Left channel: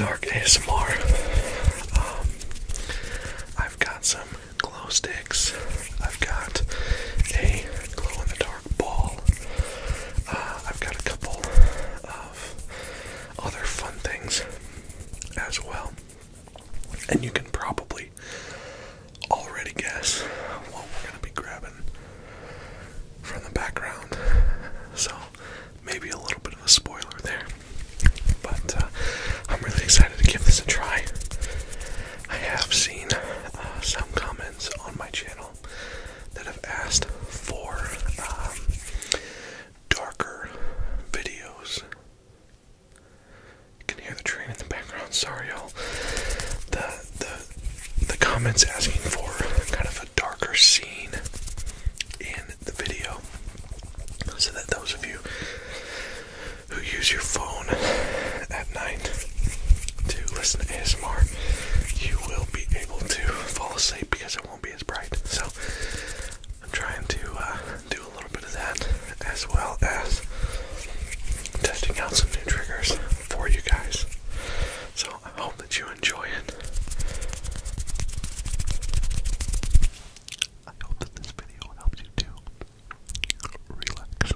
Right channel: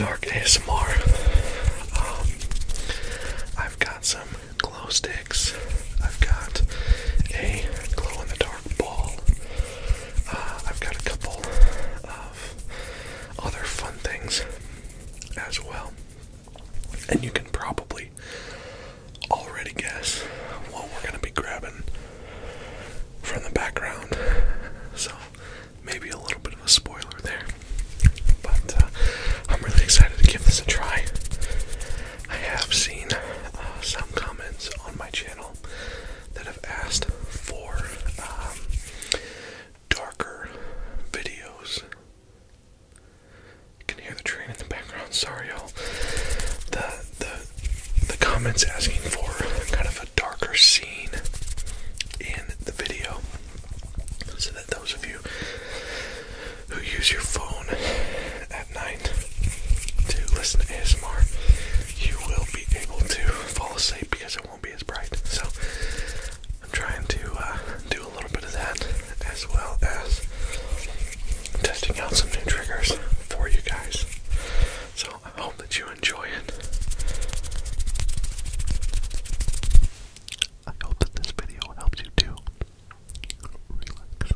dark ASMR. I've got some glow sticks. I've got a glow in the dark ball. I've got a couple of other fun things as well. And you can probably already guess what we're going to be grabbing from the background. So maybe a little bit of a spoiler there. But I'm really excited to give this a try. I have seen some comments on my channel that have asked for darker videos. You can hear the train in the background. Sorry, y'all. The comments asking for kind of a darker scene in the video, so that those of you who use your phone at night to listen to ASMR, you will be able to fall asleep because it won't be as bright. So I'm trying to do a little bit of that, as well as testing out some new triggers for you guys. So I hope that you enjoy it. I hope that this video helps you to relax.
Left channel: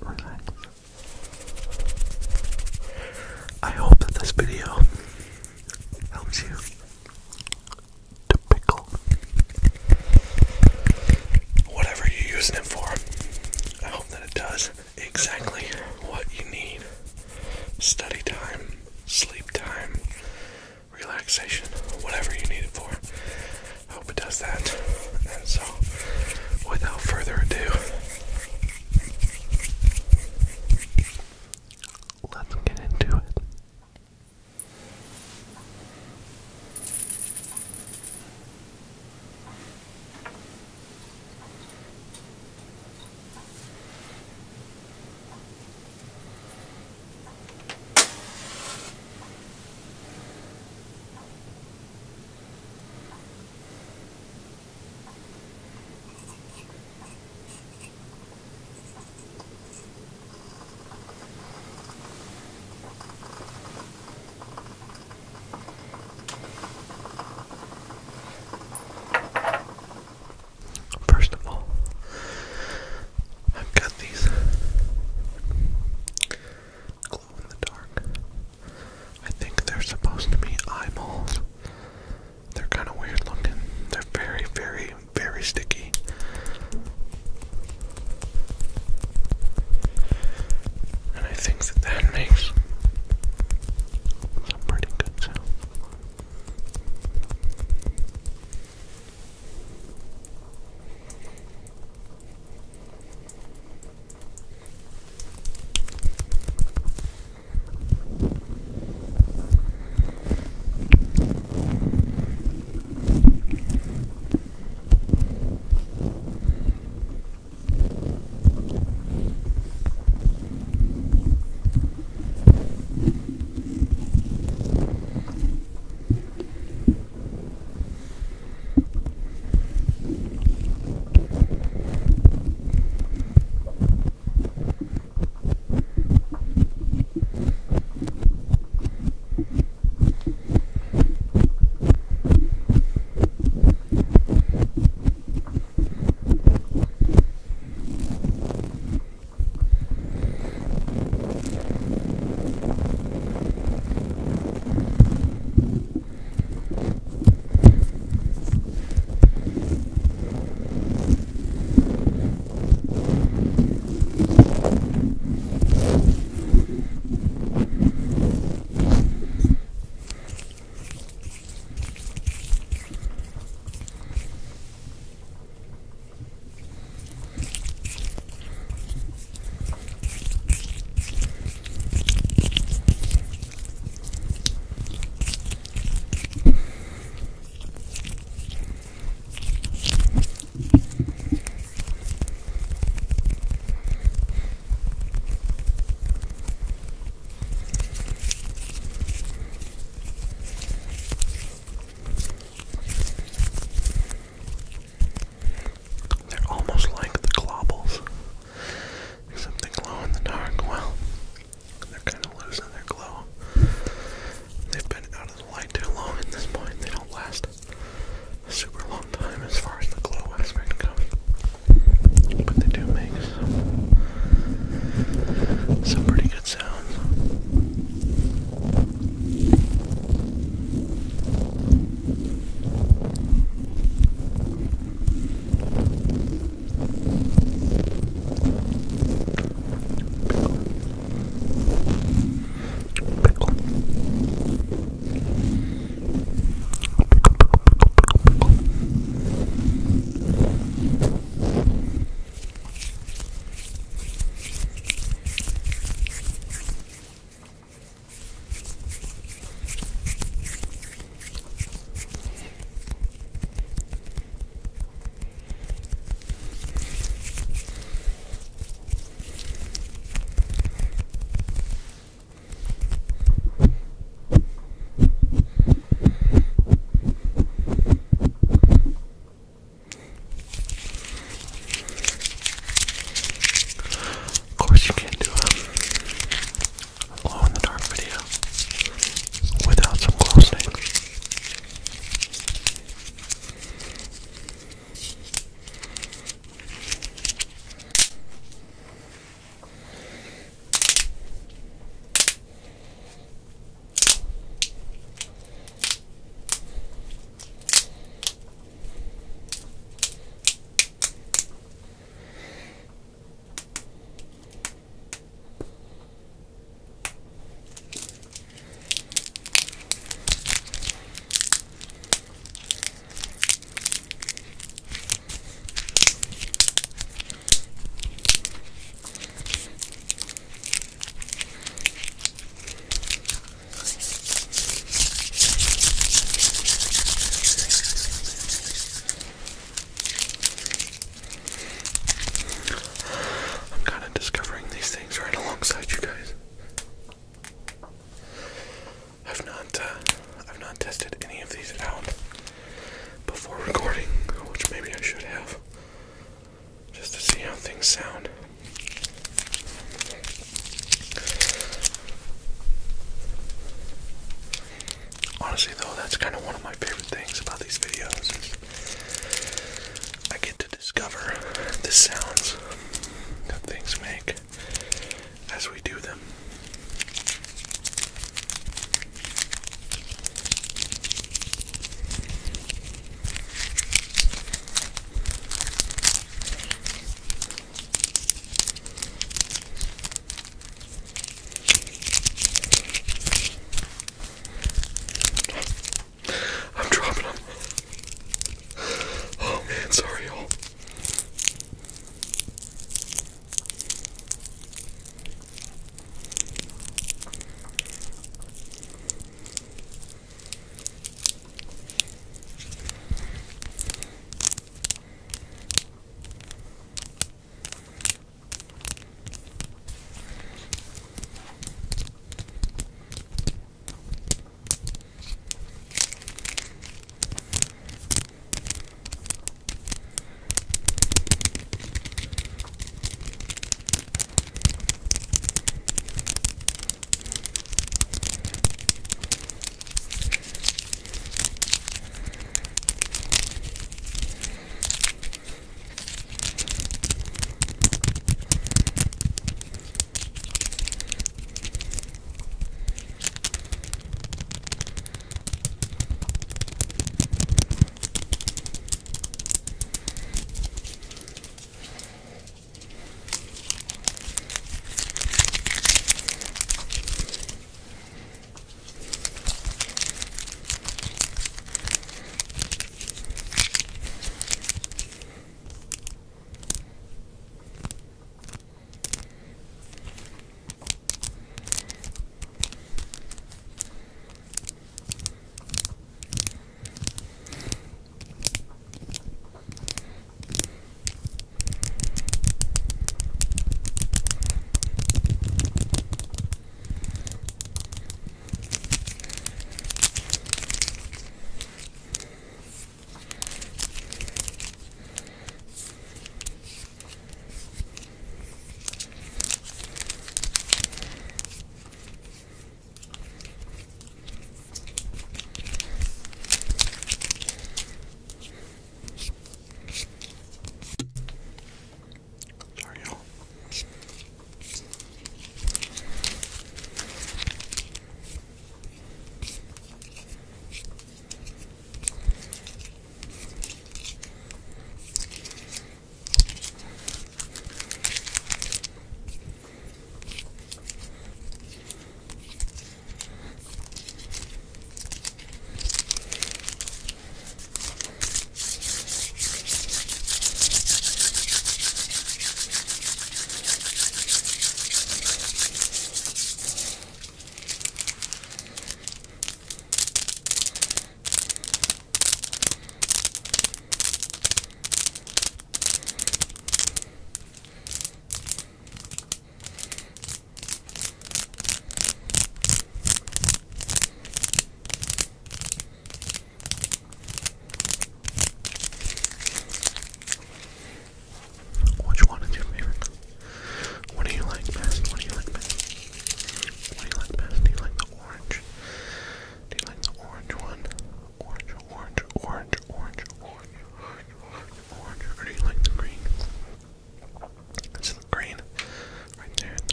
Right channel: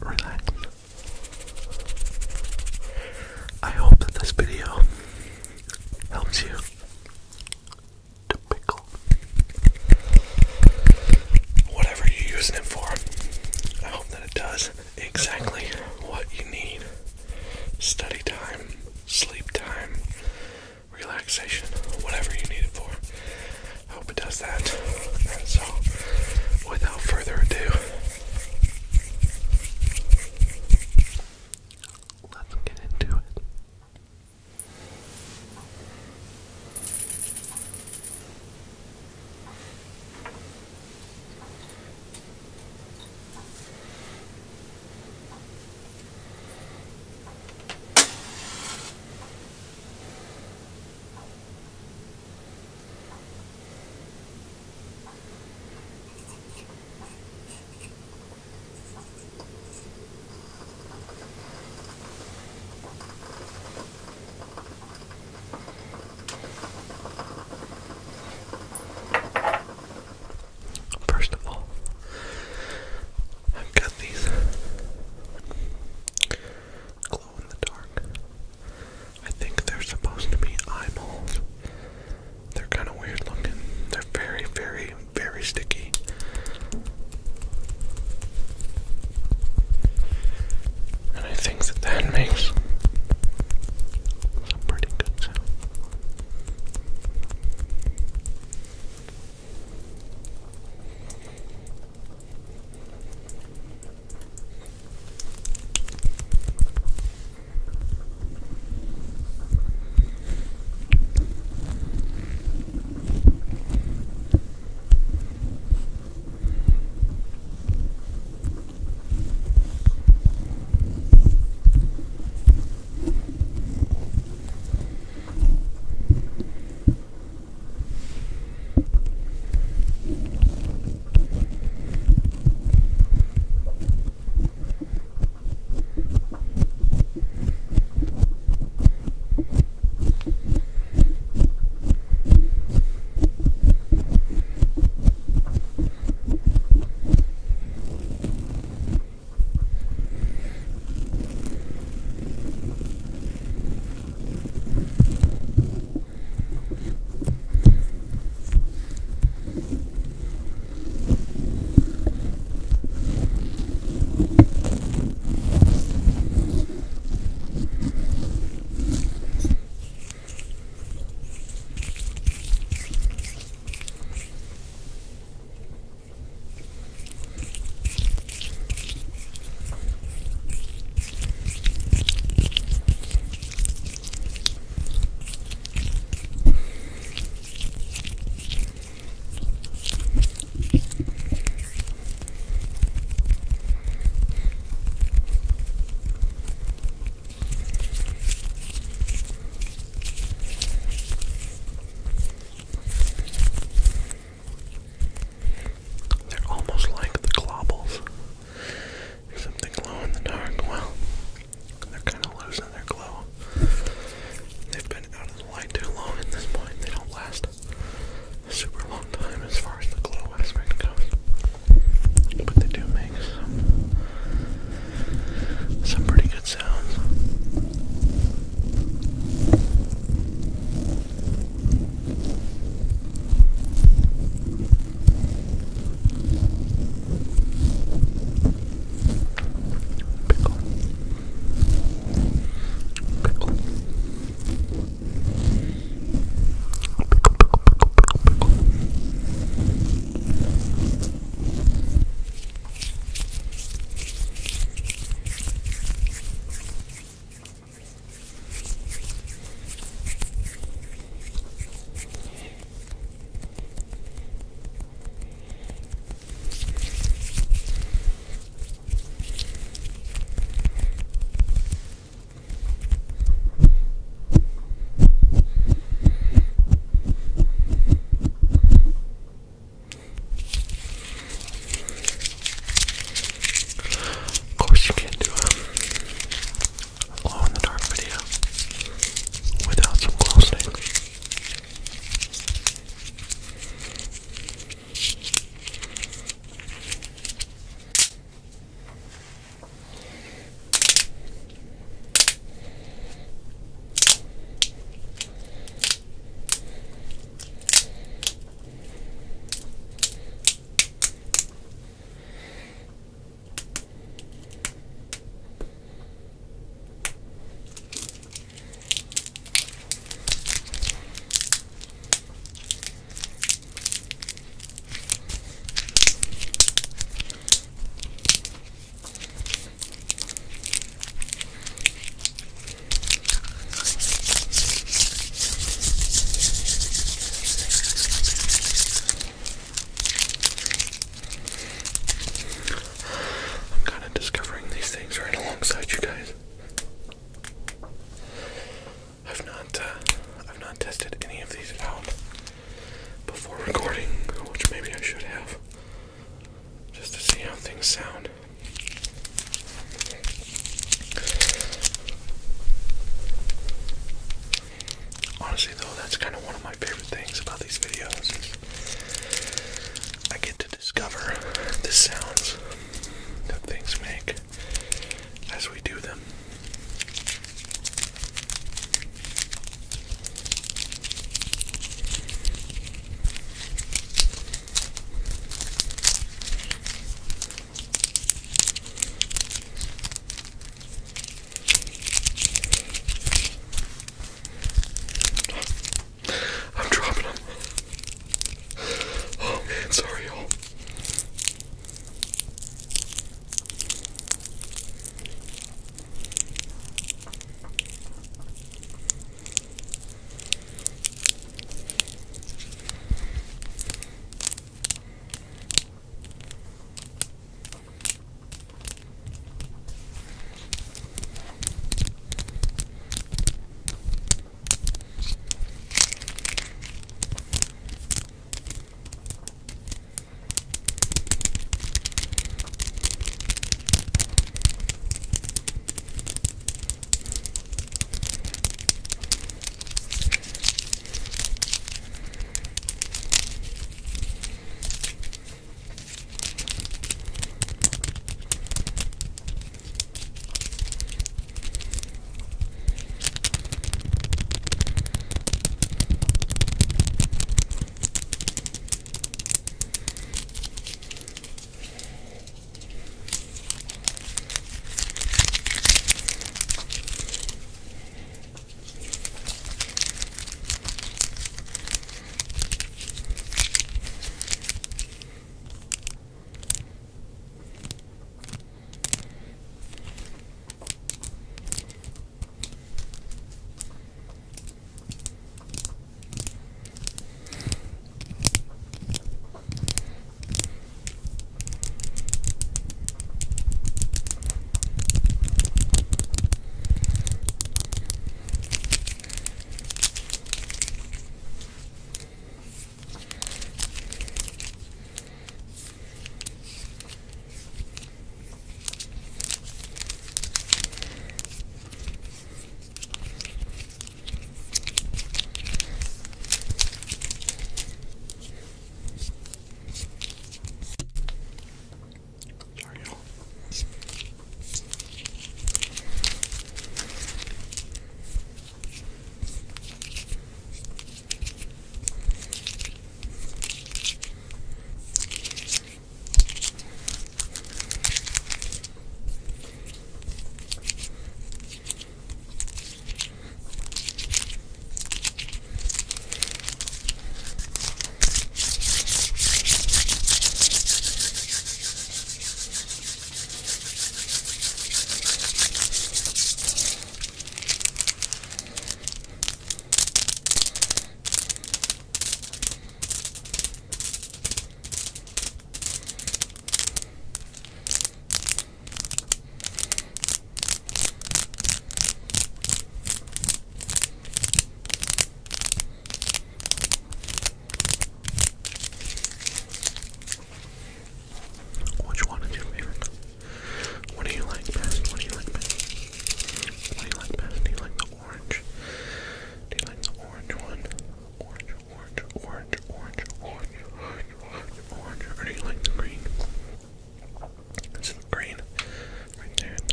Relax. I hope that this video helps you to pickle whatever you're using it for. I hope that it does exactly what you need. Study time, sleep time, relaxation, whatever you need it for. I hope it does that. And so, without further ado, let's get into it.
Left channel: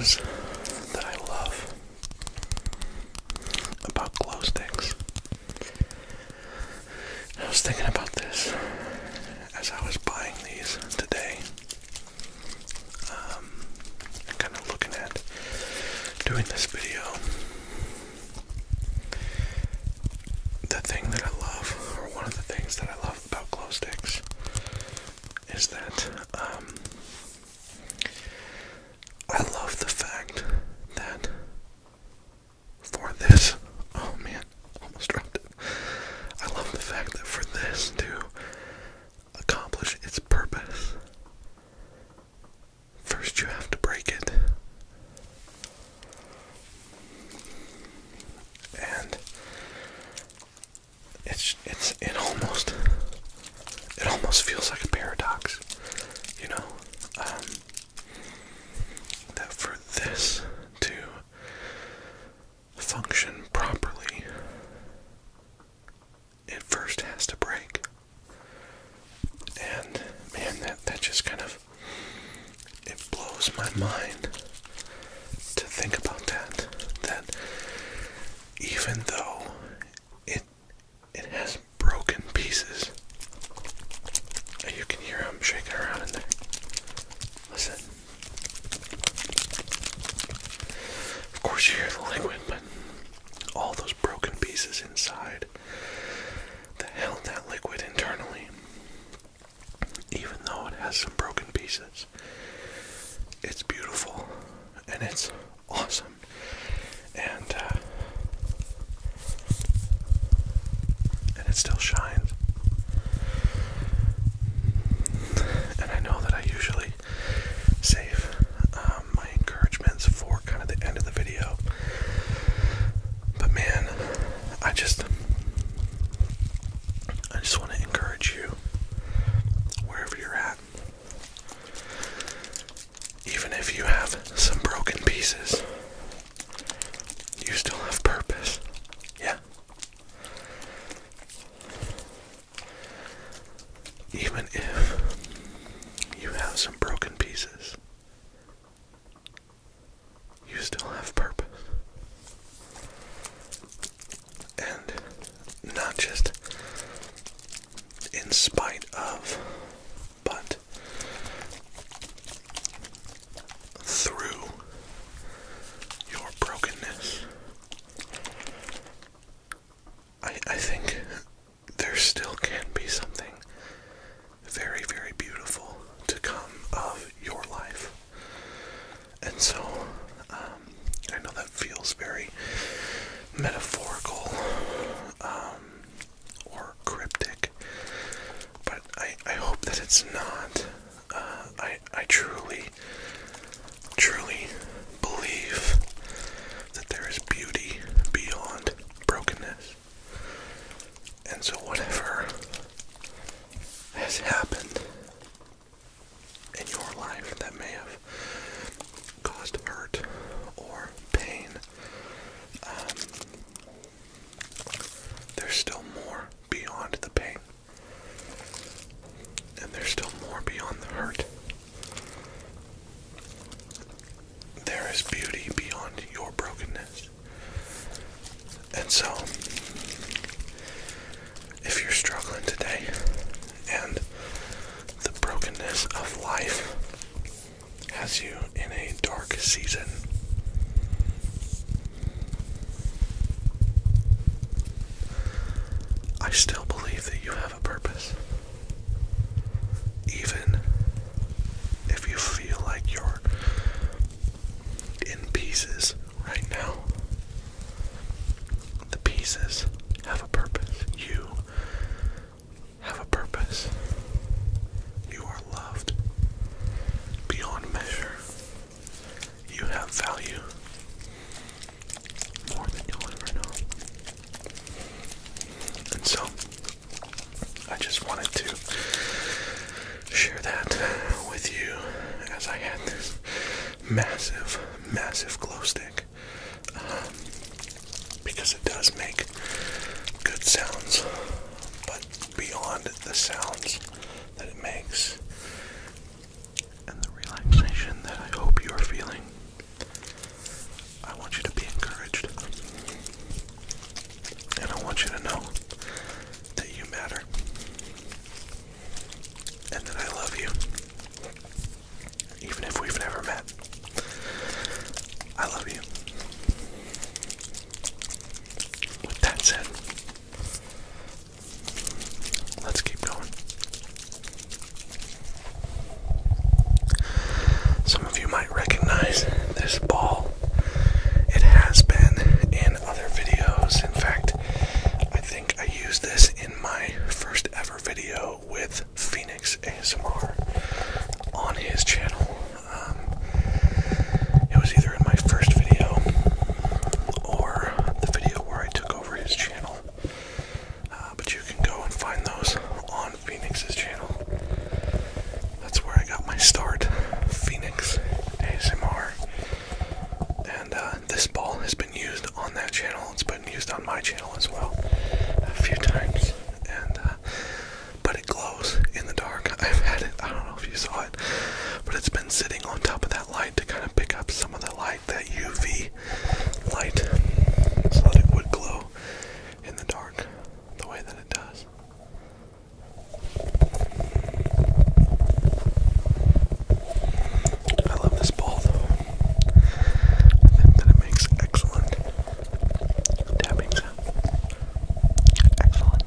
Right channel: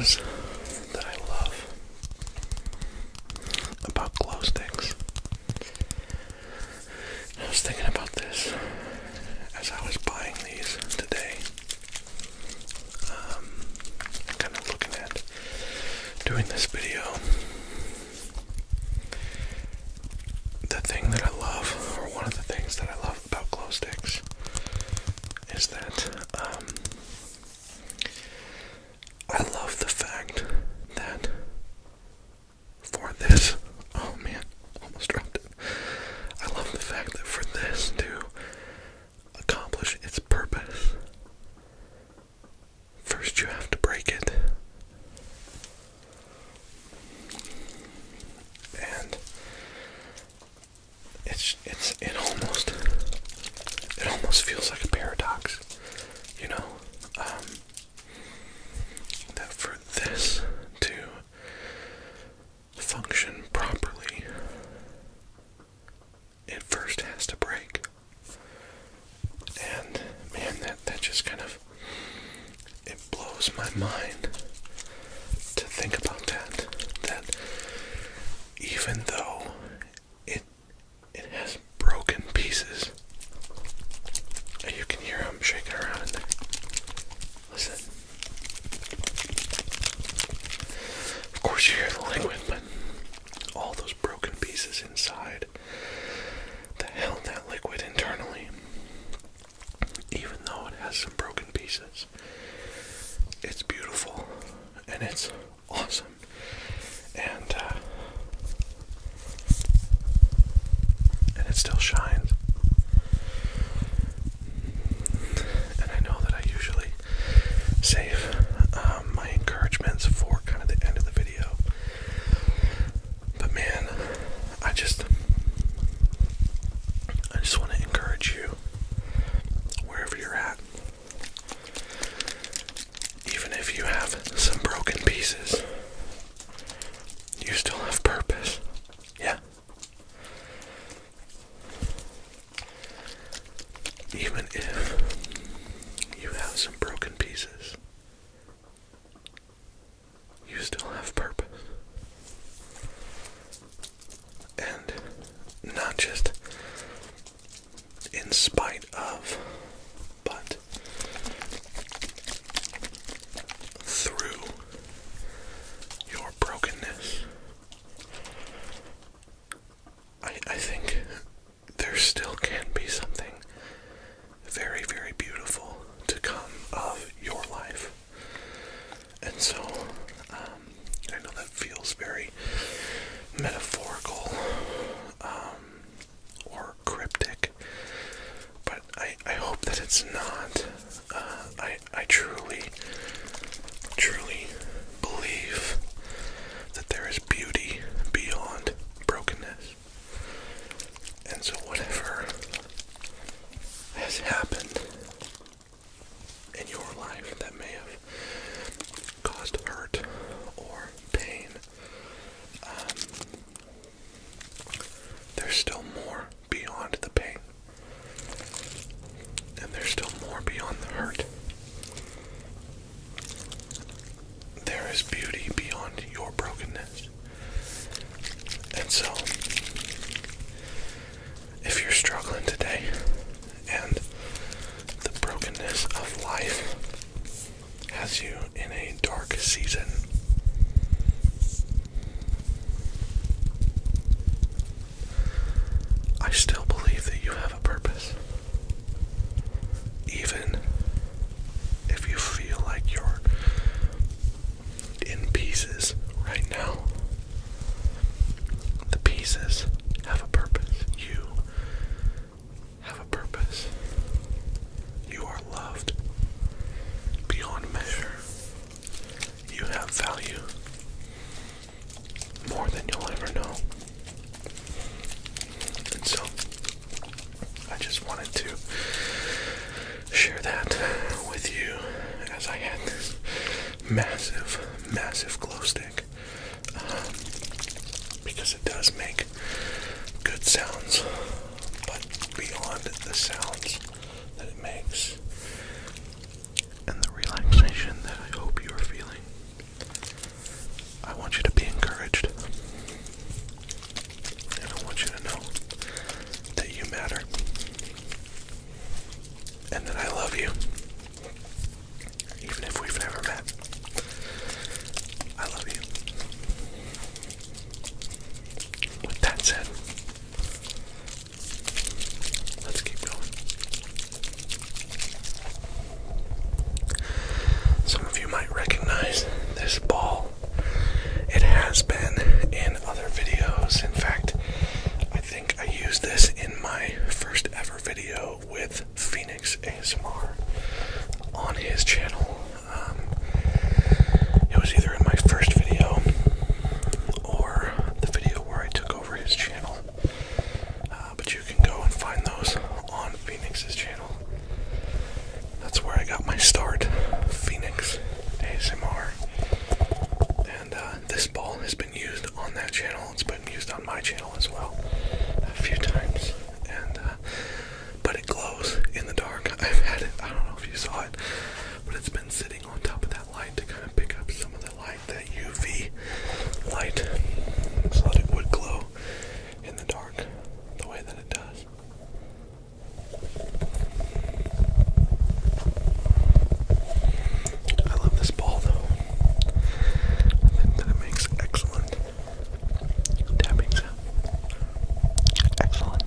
things that I love about glow sticks. I was thinking about this as I was buying these today. Kind of looking at doing this video. The thing that I love, or one of the things that I love about glow sticks, is that I love the fact that for this, oh man, almost dropped it. I love the fact that for this to accomplish its purpose, first you have to break it. And it almost feels like a paradox, you know, that for this to function properly, it first has to break. And man, that just kind of, it blows my mind to think about that even though it has broken pieces, and you can hear them shaking around in there. Listen. Of course you hear the liquid, but all those broken pieces inside that held that liquid internally, even though it has some broken pieces, it's beautiful and it's awesome. And it still shines. And I know that I usually save my encouragements for kind of the end of the video. But man, I just want to encourage you, wherever you're at, even if you have some broken pieces, you still have purpose. Yeah. Even if you have some broken pieces, you still have purpose. And not just in spite of, but through your brokenness. I think there still can be something very, very beautiful to come of your life. And so, I know that feels very metaphorical, or cryptic, but I hope that it's not. I truly believe that there is beauty beyond brokenness. And so whatever has happened in your life that may have caused hurt or pain, there's still more beyond the pain, and there's still more beyond the hurt. There is beauty beyond your brokenness. And so, if you're struggling today and the brokenness of life has you in a dark season, I still believe that you have a purpose. Even if you feel like you're in pieces right now, the pieces have a purpose. You have a purpose. You are loved beyond measure. You have value more than you'll ever know. And so, I just wanted to share that with you as I had this massive glow stick, because it does make good sounds, but beyond the sounds that it makes and the relaxation that I hope you are feeling, I want you to be encouraged. And I want you to know that you matter. And that I love you. Even if we've never met. I love you. With that said, let's keep going. Some of you might recognize this ball. It has been in other videos. In fact, I think I used this in my first ever video with Phoenix ASMR on his channel. It was either in my first video or the video where I took over his channel. But you can go and find those on Phoenix's channel. That's where I got my start, Phoenix ASMR. And this ball has been used on that channel. It's been used on my channel as well a few times. And but it glows in the dark. I've had it, I don't know if you saw it, but it's been sitting on top of that light to kind of pick up some of the light, that UV light, so that it would glow in the dark the way that it does. I love this ball though. I think that it makes excellent tapping sound. Excellent.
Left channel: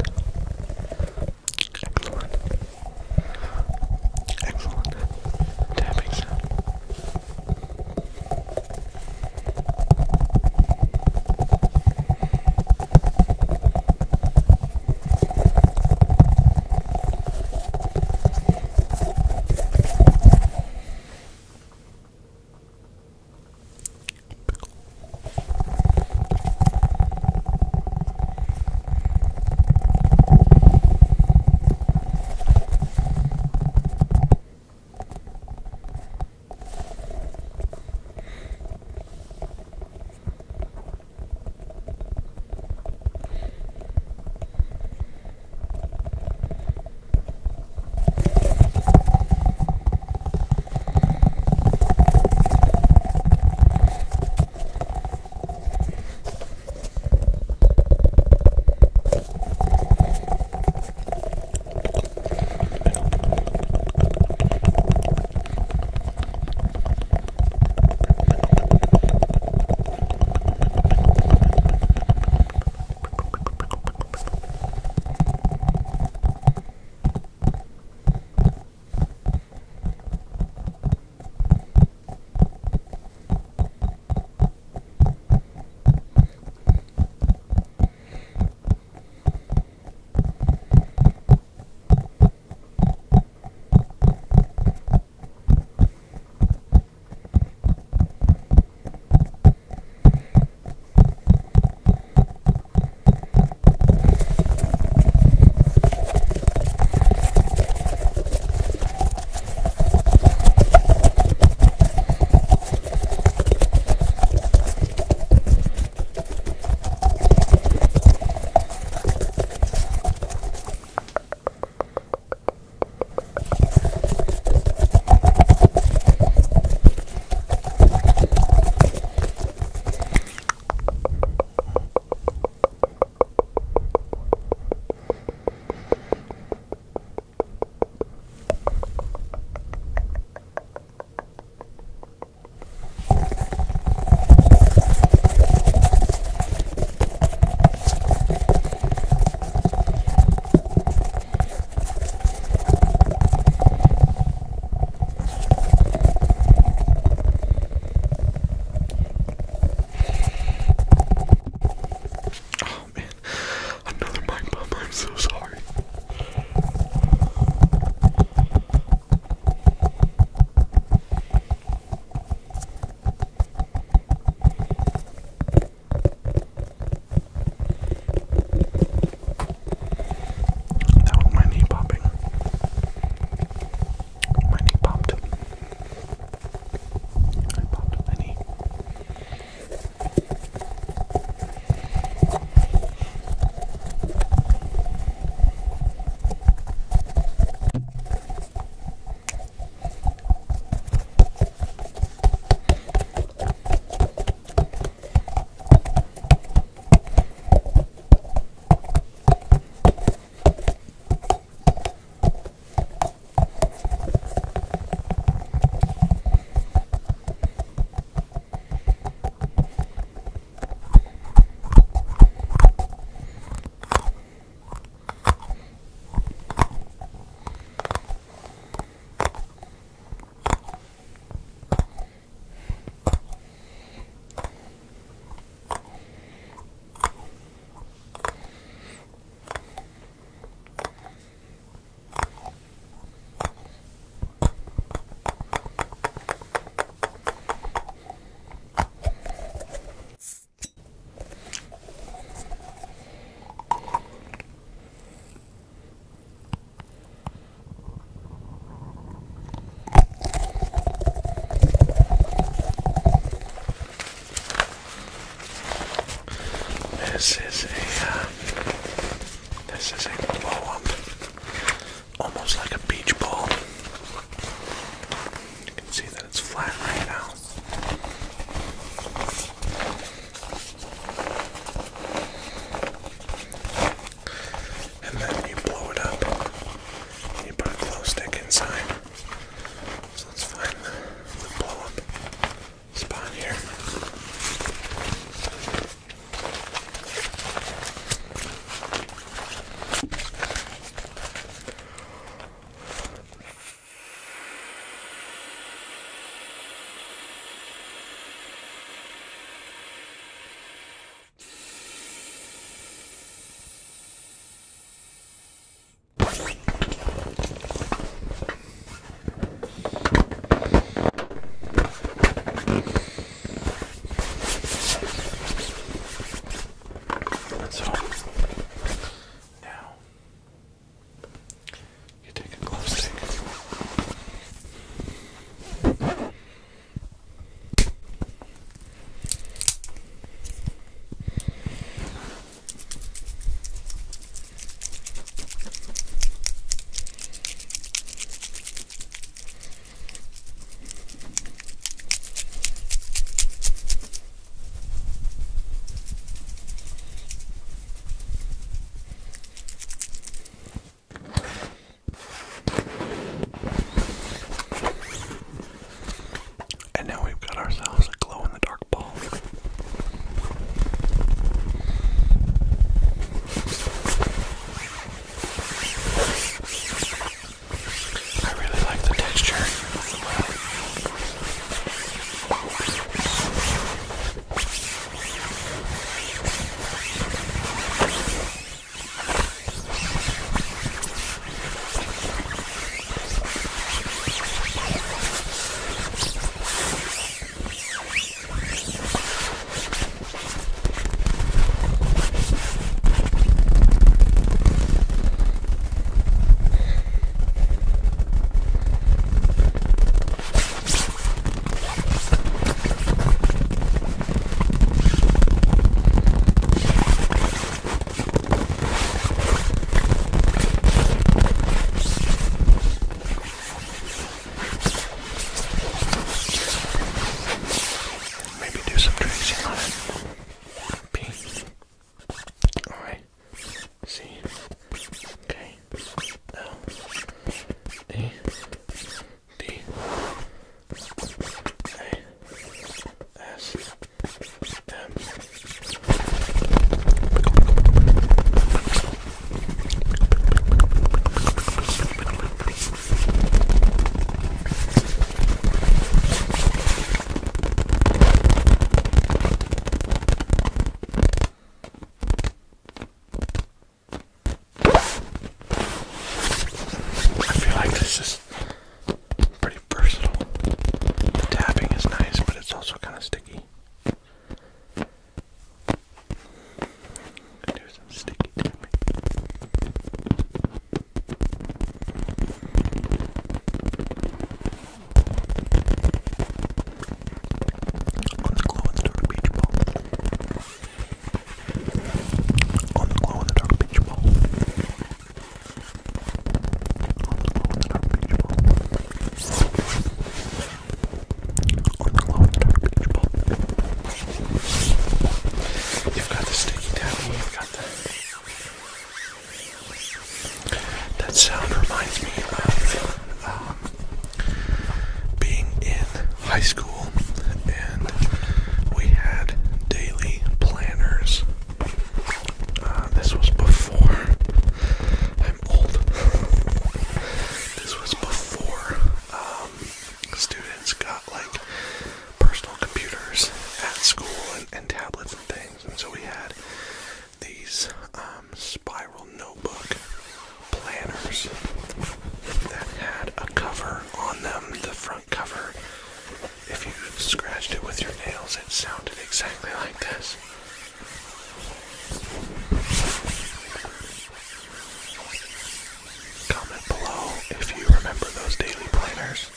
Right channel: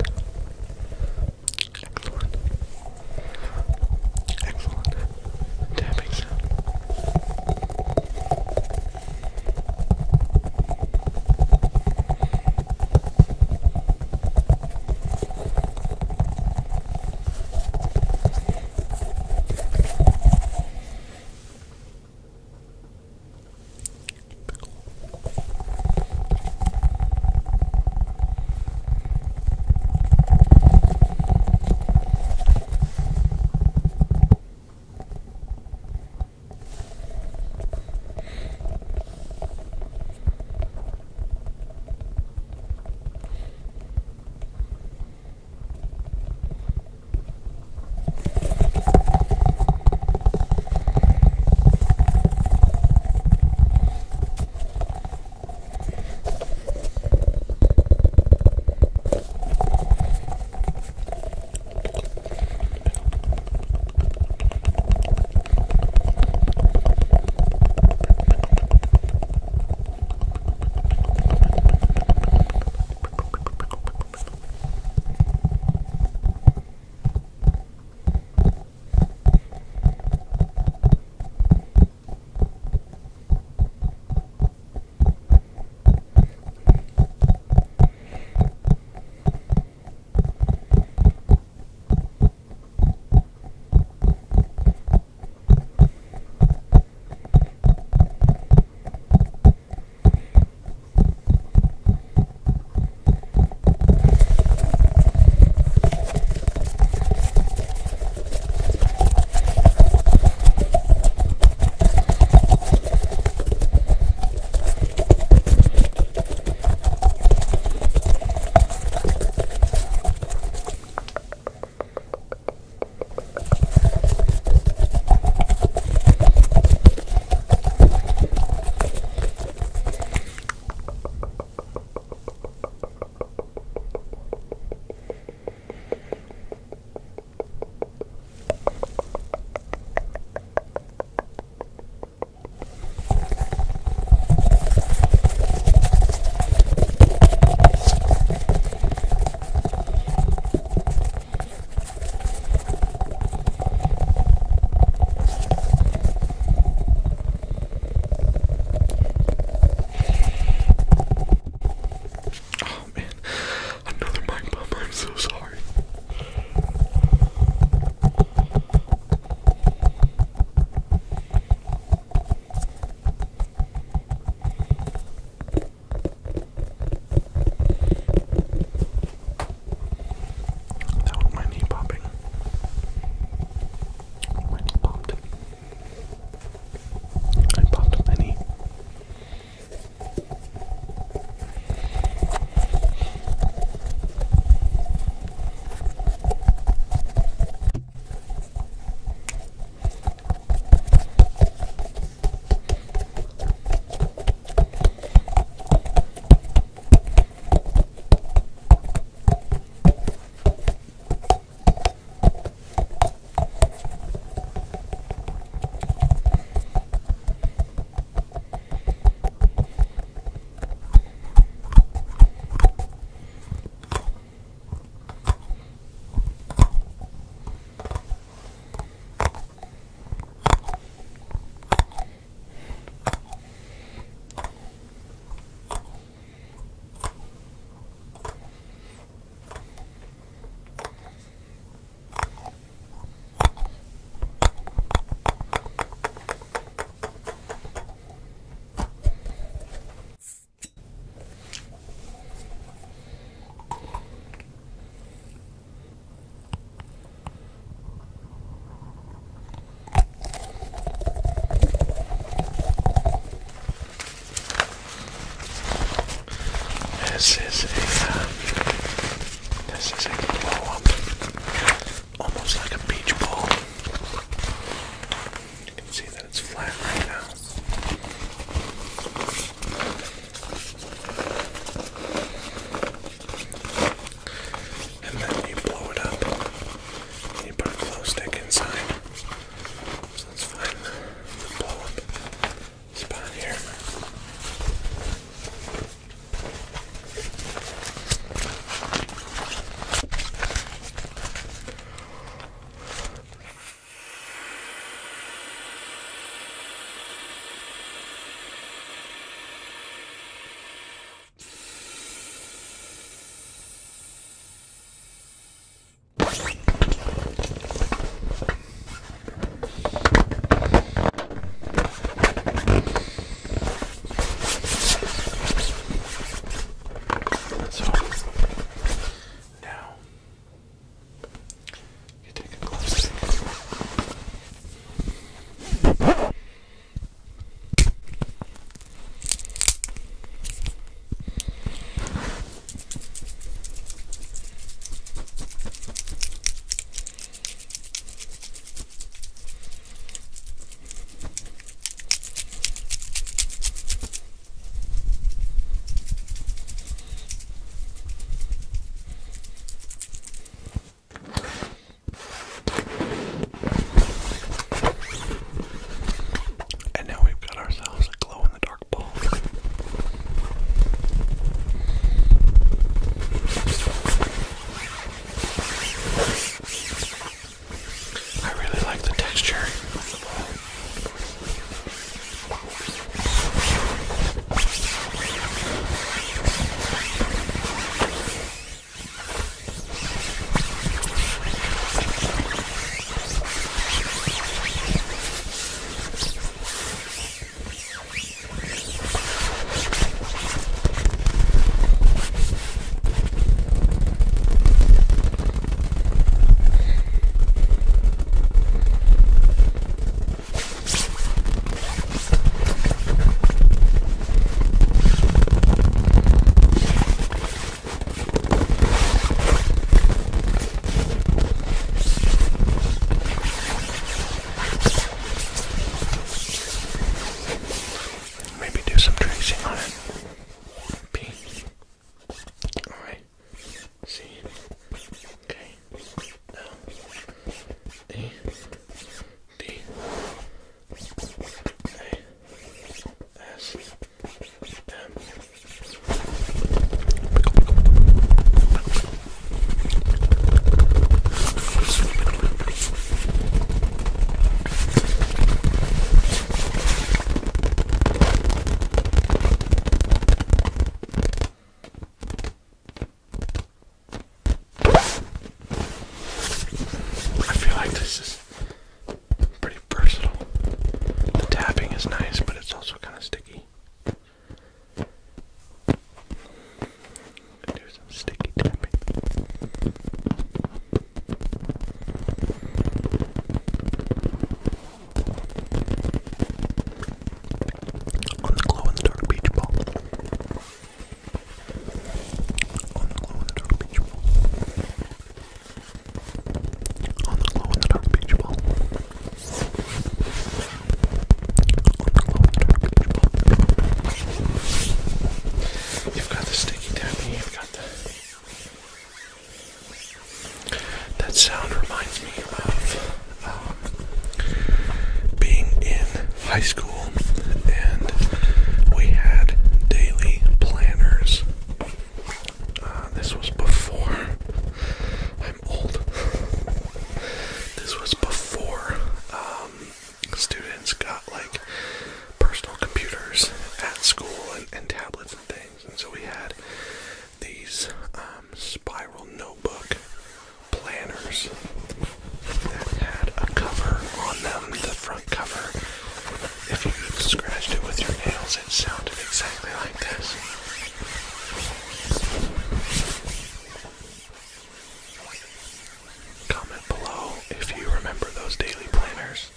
Excellent. Excellent tapping sound. high school, and we had daily planners. This was before, I'm old, this was before students got like personal computers at school and tablets and things, and so we had these spiral notebook planners that had a cover on them. The front cover, if you scratched it with your nails, it sounded exactly like this. Comment below if you remember those daily planners.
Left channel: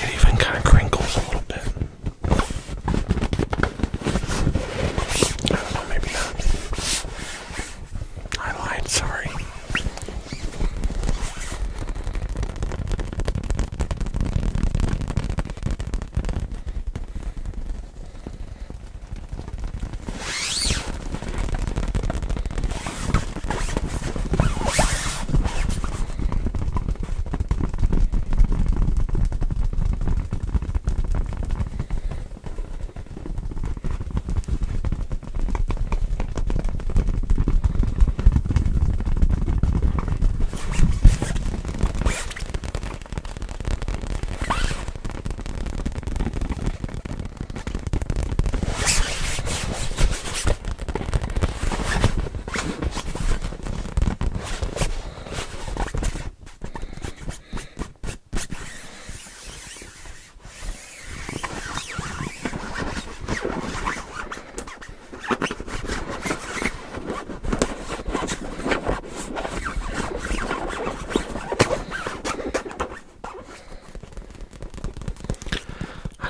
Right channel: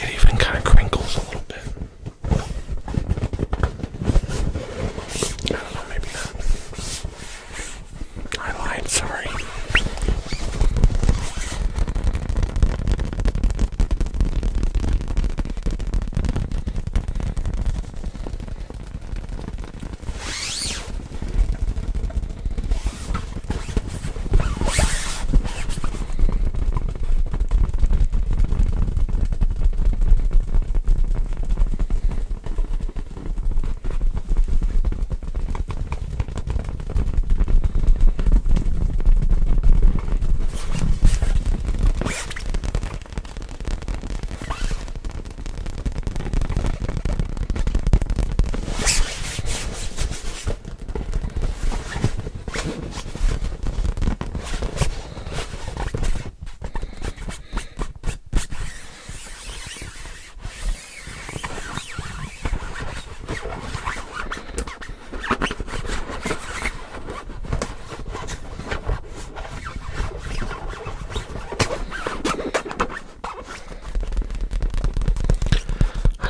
It even kind of crinkles a little bit. I don't know, maybe not. I lied, sorry.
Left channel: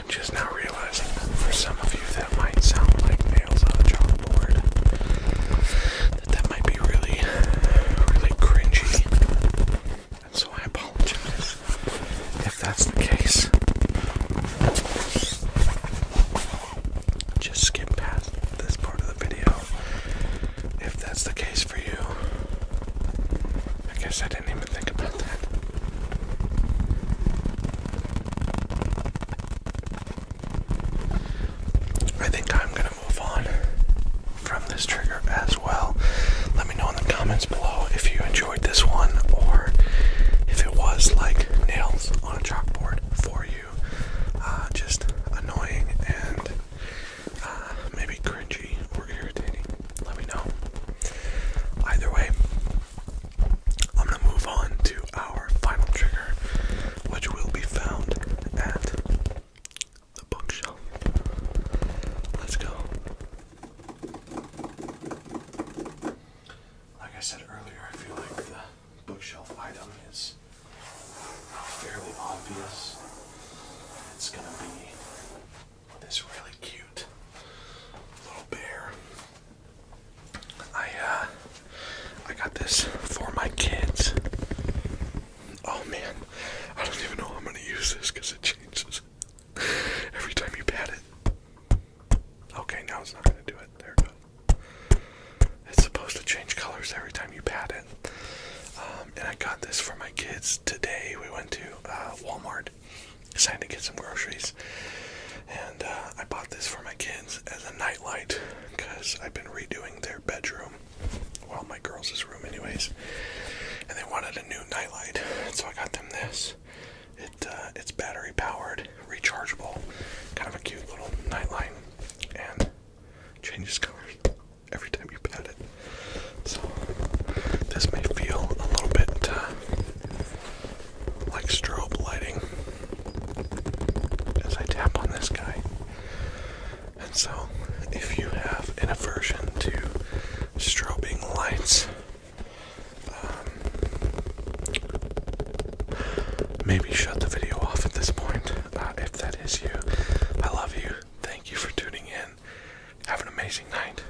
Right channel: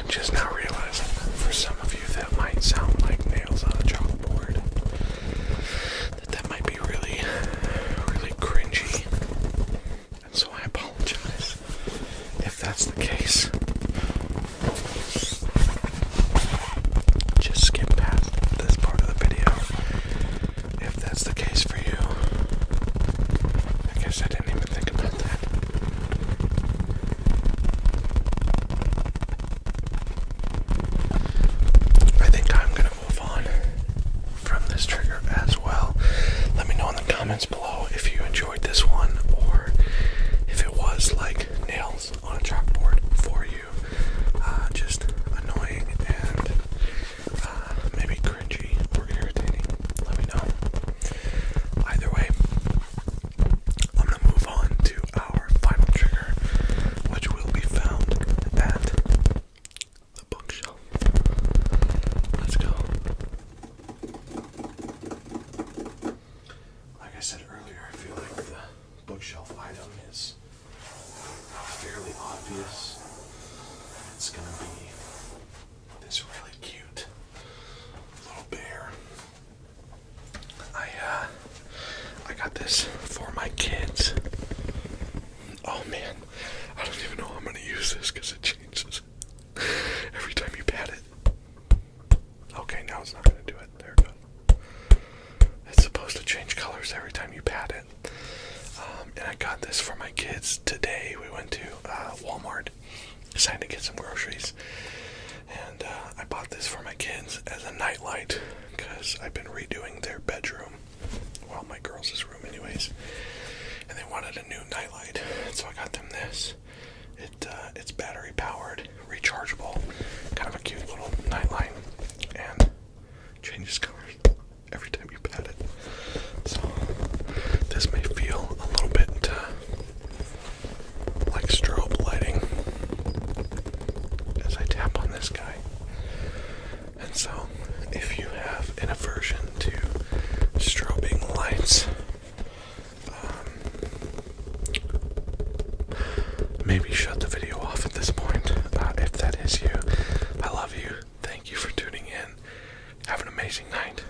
Just now realizing that for some of you that might sound like nails on a chalkboard, that might be really, really cringy, and so I apologize if that's the case. Just skip past this part of the video if that's the case for you. I guess I didn't even think about that. I think I'm going to move on from this trigger as well. Let me know in the comments below if you enjoyed this one or if it was like nails on a chalkboard for you. Just annoying and maybe cringy or irritating. Let me know. Either way, I'm going to move on to our final trigger, which will be found at the bookshelf. Let's go. Like I said earlier, I feel like the bookshelf item is fairly obvious. It's gonna be this really cute little bear. I got this for my kids. Oh man, I don't even know how I'm gonna use this because it changes every time you pat it. Okay, now it's not going to do it. There it goes. It's supposed to change colors every time you pat it. And I got this for my kids today. We went to Walmart, decided to get some groceries. And I bought this for my kids as a nightlight because I've been redoing their bedroom. Well, my girls' room anyways. And they wanted a new nightlight. So I got them this. It's battery powered, rechargeable, kind of a cute little nightlight, and changes colors every time you pat it. So this may feel a little bit like strobe lighting as I tap on this guy. And so if you have an aversion to strobing lights, maybe shut the video off at this point. If that is you, I love you. Thank you for tuning in. Have an amazing night.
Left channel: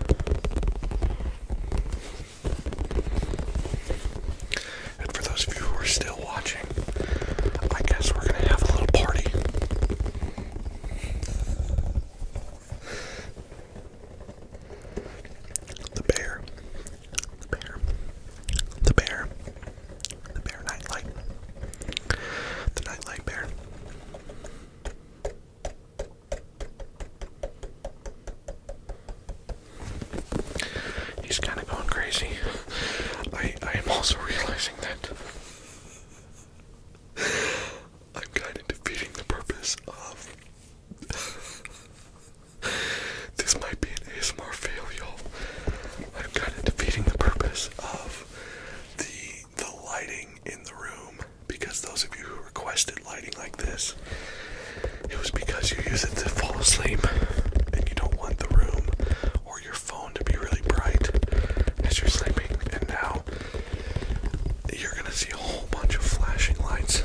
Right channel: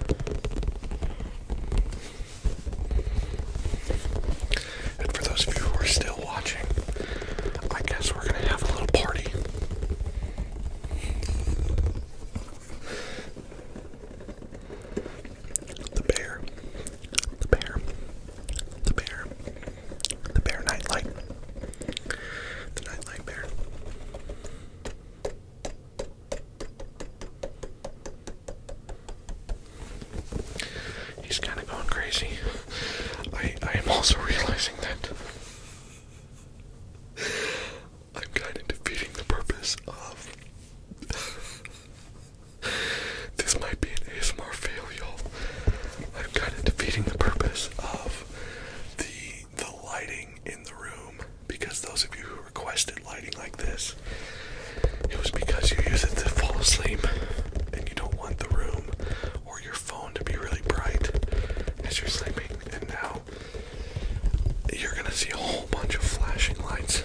And for those of you who are still watching, I guess we're gonna have a little party. crazy. I am also realizing that I'm kind of defeating the purpose of this might be an ASMR fail, y'all. I'm kind of defeating the purpose of the lighting in the room, because those of you who requested lighting like this, it was because you use it to fall asleep and you don't want the room or your phone to be really bright as you're sleeping. And now you're gonna see a whole bunch of flashing lights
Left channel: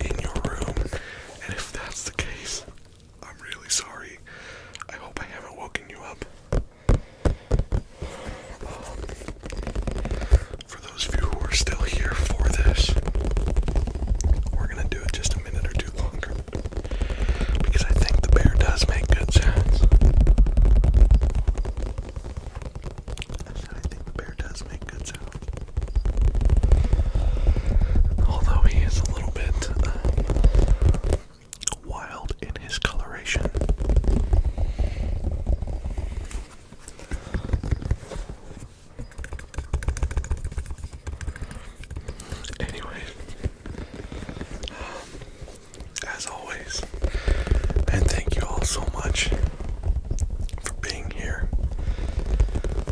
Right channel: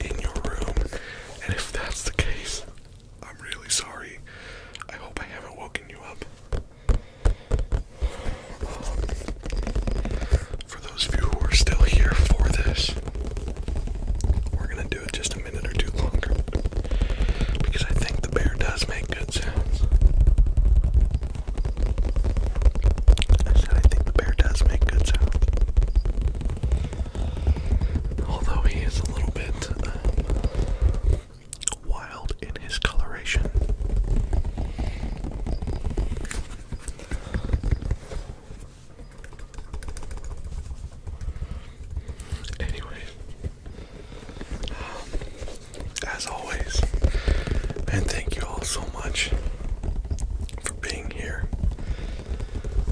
in your room, and if that's the case, I'm really sorry. I hope I haven't woken you up. For those of you who are still here for this, we're gonna do it just a minute or two longer, because I think the bear does make good sounds. I said I think the bear does make good sounds. Although he is a little bit wild in his coloration. Anyway, as always, and thank you all so much for being here,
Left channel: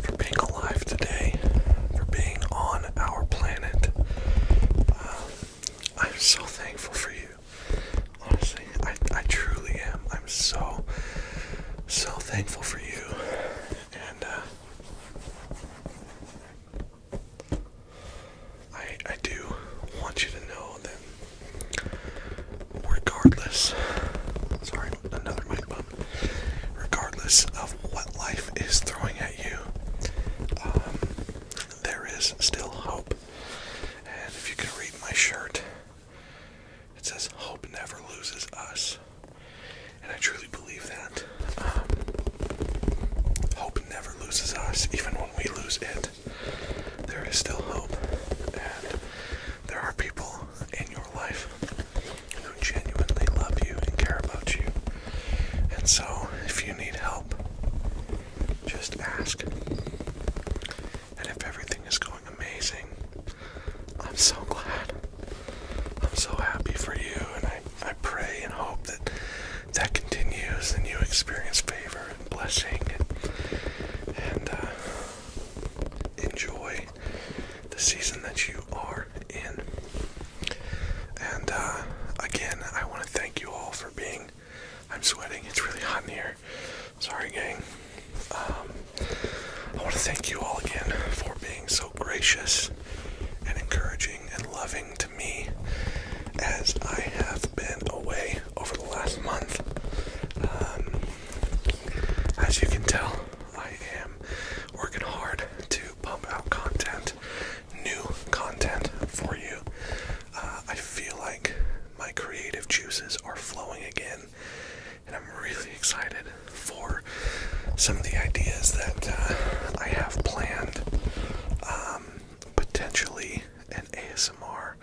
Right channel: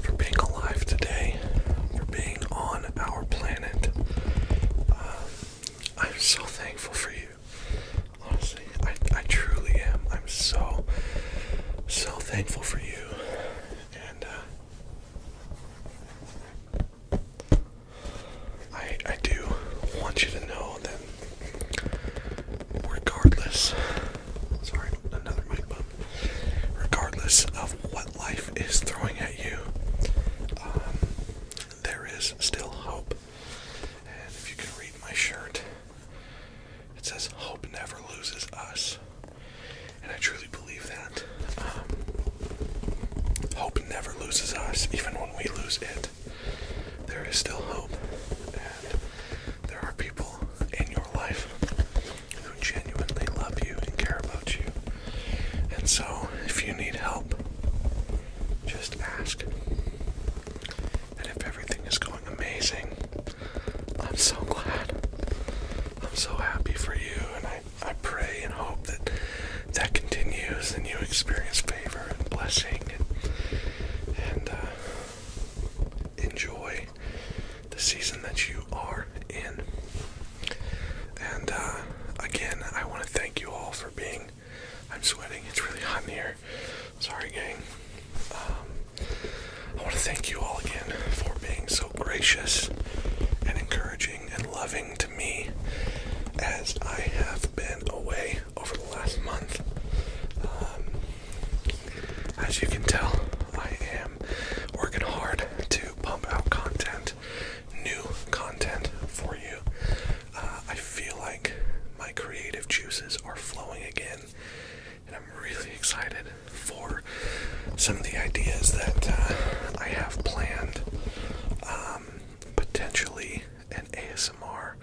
for being alive today, for being on our planet. I'm so thankful for you. Honestly, I truly am. I'm so thankful for you. And I do want you to know that regardless, sorry, another mic bump, regardless of what life is throwing at you, there is still hope. And if you can read my shirt, it says hope never loses us. And I truly believe that. Hope never loses us. Even when we lose it, there is still hope. And there are people in your life who genuinely love you and care about you. And so, if you need help, just ask. And if everything is going amazing, I'm so glad. I'm so happy for you, and I pray and hope that that continues and you experience favor and blessing and enjoy the season that you are in. And again, I want to thank you all for being, I'm sweating, it's really hot in here. Sorry, gang. I want to thank you all again for being so gracious and encouraging and loving to me as I have been away over the last month. As you can tell, I am working hard to pump out content, new content for you. I feel like my creative juices are flowing again, and I'm really excited for some of the ideas that I have planned. Potentially an ASMR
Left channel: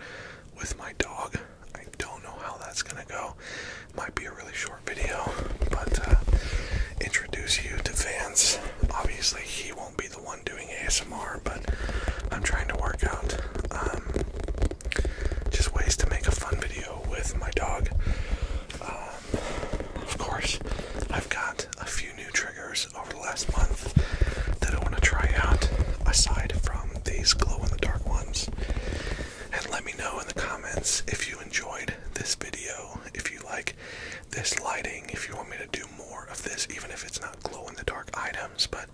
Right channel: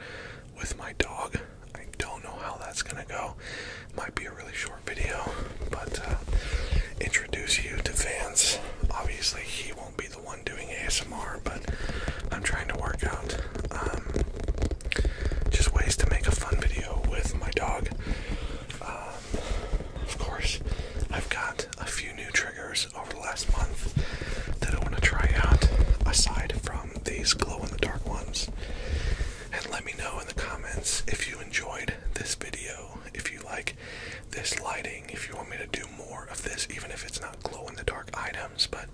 with my dog. I don't know how that's gonna go. Might be a really short video, but introduce you to Vance. Obviously he won't be the one doing ASMR, but I'm trying to work out just ways to make a fun video with my dog. Of course, I've got a few new triggers over the last month that I want to try out, aside from these glow-in-the-dark ones. And let me know in the comments if you enjoyed this video, if you like this lighting, if you want me to do more of this, even if it's not glow-in-the-dark items, but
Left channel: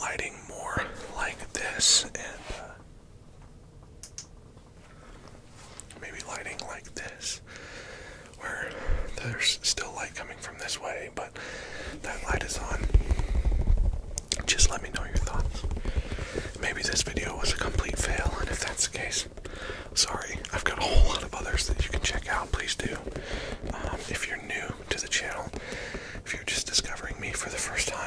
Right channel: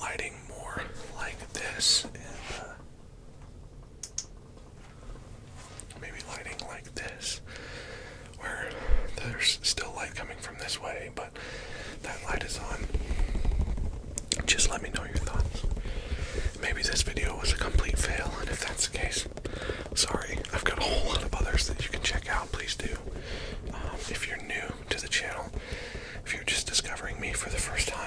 lighting more like this, and maybe lighting like this, where there's still light coming from this way, but that light is on. Just let me know your thoughts. Maybe this video was a complete fail, and if that's the case, sorry. I've got a whole lot of others that you can check out. Please do. If you're new to the channel, if you're just discovering me for the first time,